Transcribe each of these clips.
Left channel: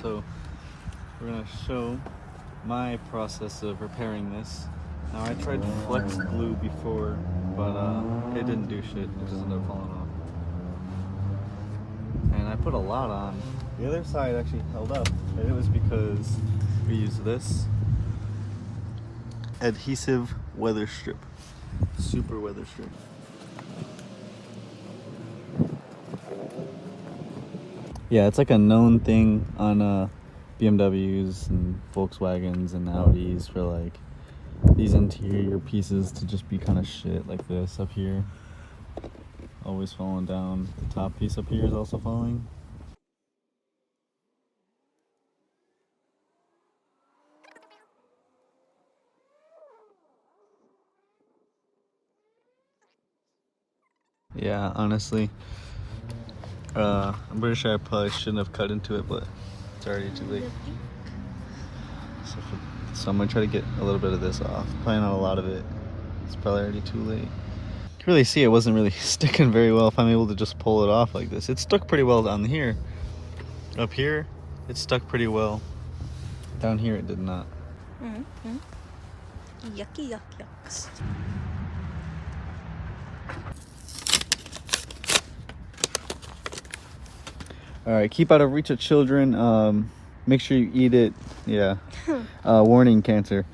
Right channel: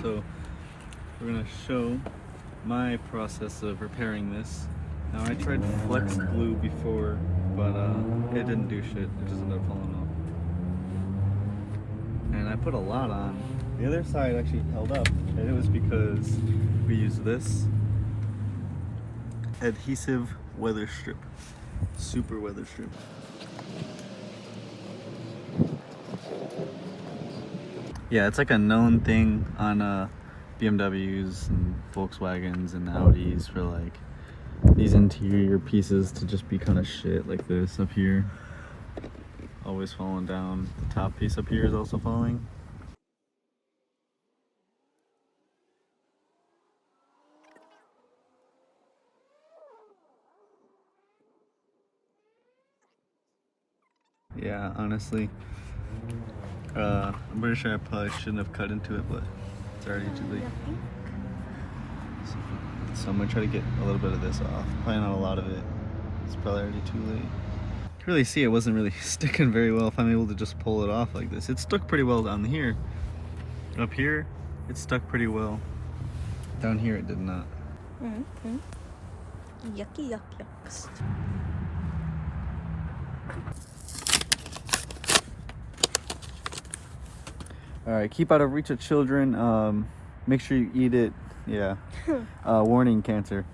So we're gonna show my process of repairing this. Now I tried flex glue before, but it didn't do shit. It just ended up falling off. And I put a lot on. The other side actually held up, and it was because we used this adhesive weather strip, super weather strip. Yeah, it's like a known thing on BMWs and Volkswagens and Audis for like these interior pieces to just be kind of shit like this up here. Always falling down. The top piece up here is also falling. Yeah, honestly, I'm pretty sure I probably shouldn't have cut into it, but it's already too late. So I'm gonna try to get a little bit of this off. Probably not a lot of it. It's probably already too late. You can really see it wasn't really sticking very well if I'm able to just pull it off like this. It stuck pretty well down here. Up here, it stuck pretty well. Down here, it did not. Mm-hmm. Yucky, yuck, yucks. All right, keep out of reach of children. Make sure you eat it. Yeah. Warning cancer.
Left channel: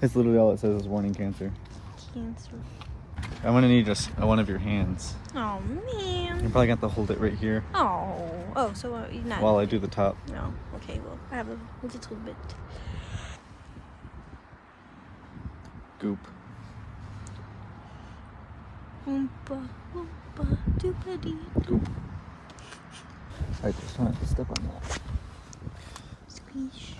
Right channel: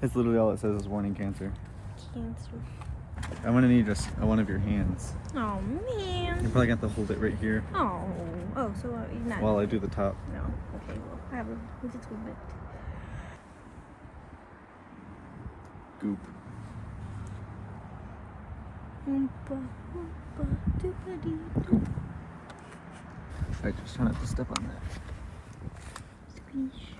That's literally all it says is warning cancer. Cancer. I'm gonna need just one of your hands. Oh man. I'm probably gonna have to hold it right here. Oh, so you're not. While I do the top. No. Okay, well, I have a little bit. Goop. Oompa, oompa, doopity. Goop. Alright, just try not to step on that. Squeeze.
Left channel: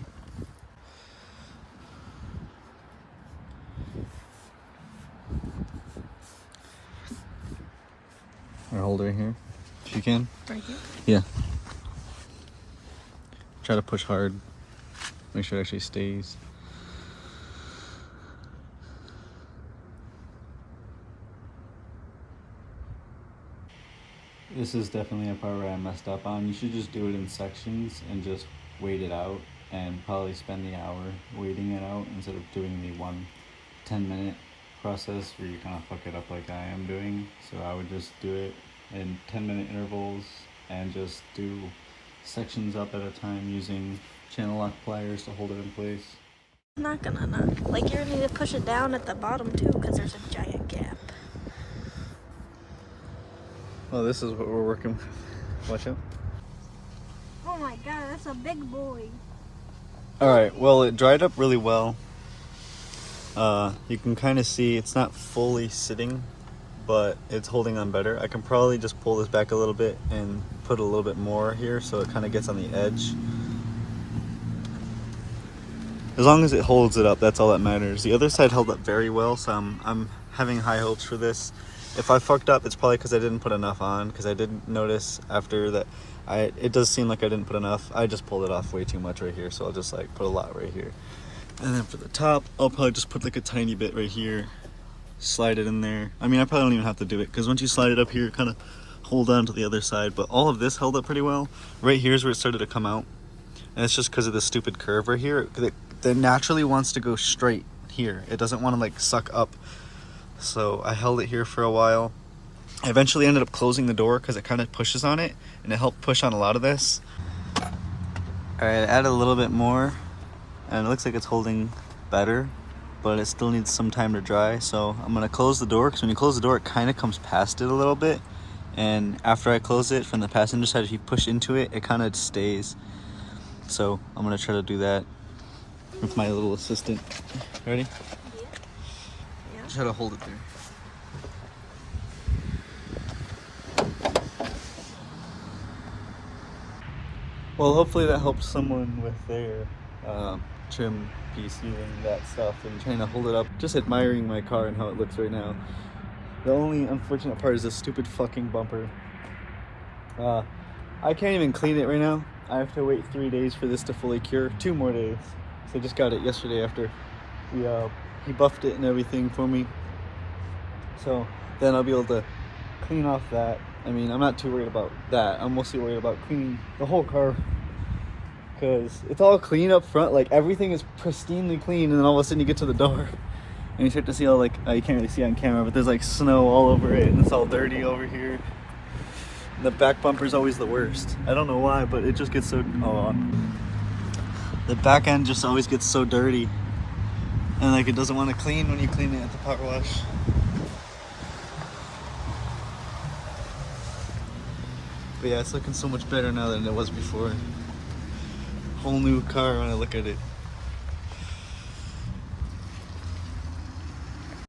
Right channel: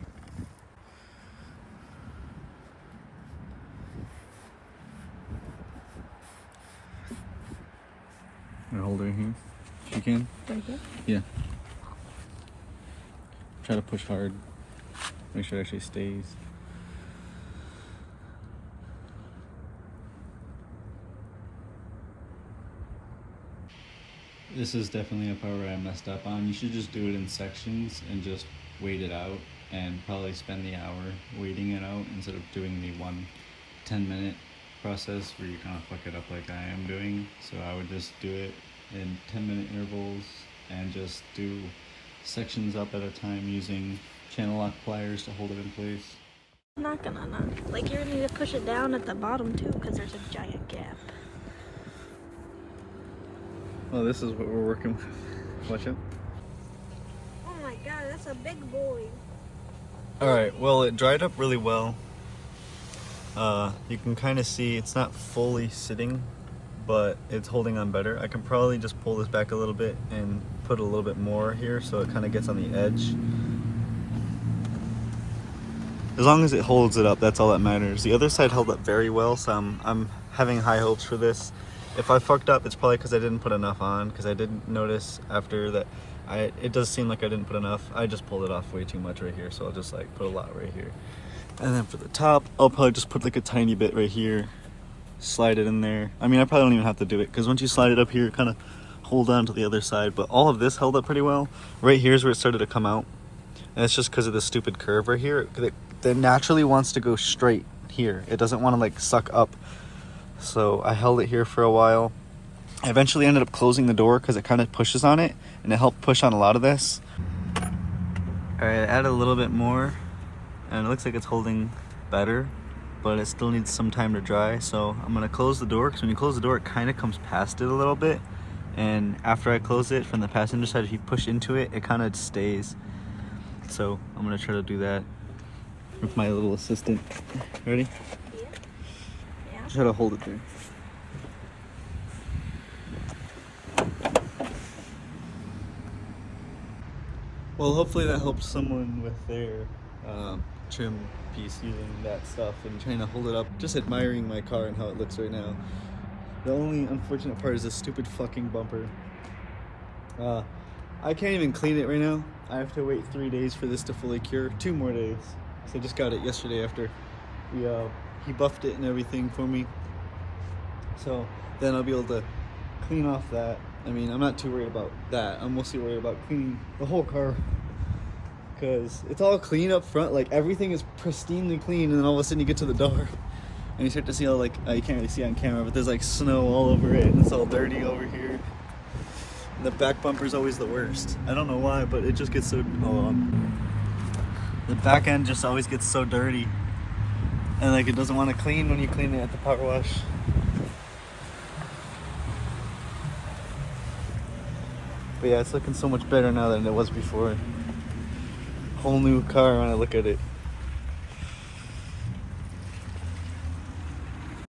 Or hold right here, if you can. Right here? Yeah. Try to push hard. Make sure it actually stays. This is definitely a part where I messed up on. You should just do it in sections and just wait it out and probably spend the hour waiting it out instead of doing the 1 10-minute process where you kind of fuck it up like I am doing. So I would just do it in 10-minute intervals and just do sections up at a time using channel lock pliers to hold it in place. Not gonna. Like, you're gonna need to push it down at the bottom too, because there's a giant gap. Oh, this is what we're working with. Watch it. Oh my god, that's a big boy. Alright, well, it dried up really well. You can kind of see it's not fully sitting, but it's holding on better. I can probably just pull this back a little bit and put a little bit more here so it kind of gets on the edge. As long as it holds it up, that's all that matters. The other side held up very well, so I'm having high hopes for this. If I fucked up, it's probably because I didn't put enough on, because I didn't notice after that. It does seem like I didn't put enough. I just pulled it off way too much right here, so I'll just like put a lot right here. And then for the top, I'll probably just put like a tiny bit right here, slide it in there. I mean, I probably don't even have to do it, because once you slide it up here, kind of hold on to the other side. But all of this held up pretty well. Right here's where it started to come out, and it's just because of this stupid curve right here. It naturally wants to go straight here. It doesn't want to like suck up. So I held it here for a while. I eventually ended up closing the door because it kind of pushes on it, and it helped push on a lot of this. All right, I added a little bit more, and it looks like it's holding better, but it still needs some time to dry. So I'm gonna close the door, because when you close the door, it kind of comes past it a little bit. And after I close it from the passenger side, if you push into it, it kind of stays. So I'm gonna try to do that with my little assistant. Ready? Yeah. Try to hold it there. Well, hopefully that helps someone with their trim piece using that stuff and trying to hold it up. Just admiring my car and how it looks right now. The only unfortunate part is this stupid fucking bumper. I can't even clean it right now. I have to wait 3 days for this to fully cure. 2 more days. So I just got it yesterday after he buffed it and everything for me. So then I'll be able to clean off that. I mean, I'm not too worried about that. I'm mostly worried about cleaning the whole car Because it's all clean up front. Like, everything is pristinely clean. And then all of a sudden you get to the door. And you start to see all, like, you can't really see on camera, but there's, like, snow all over it. And it's all dirty over here. And the back bumper's always the worst. I don't know why, but it just gets so... the back end just always gets so dirty. And, like, it doesn't want to clean when you clean it at the power wash. But yeah, it's looking so much better now than it was before. Whole new car when I look at it.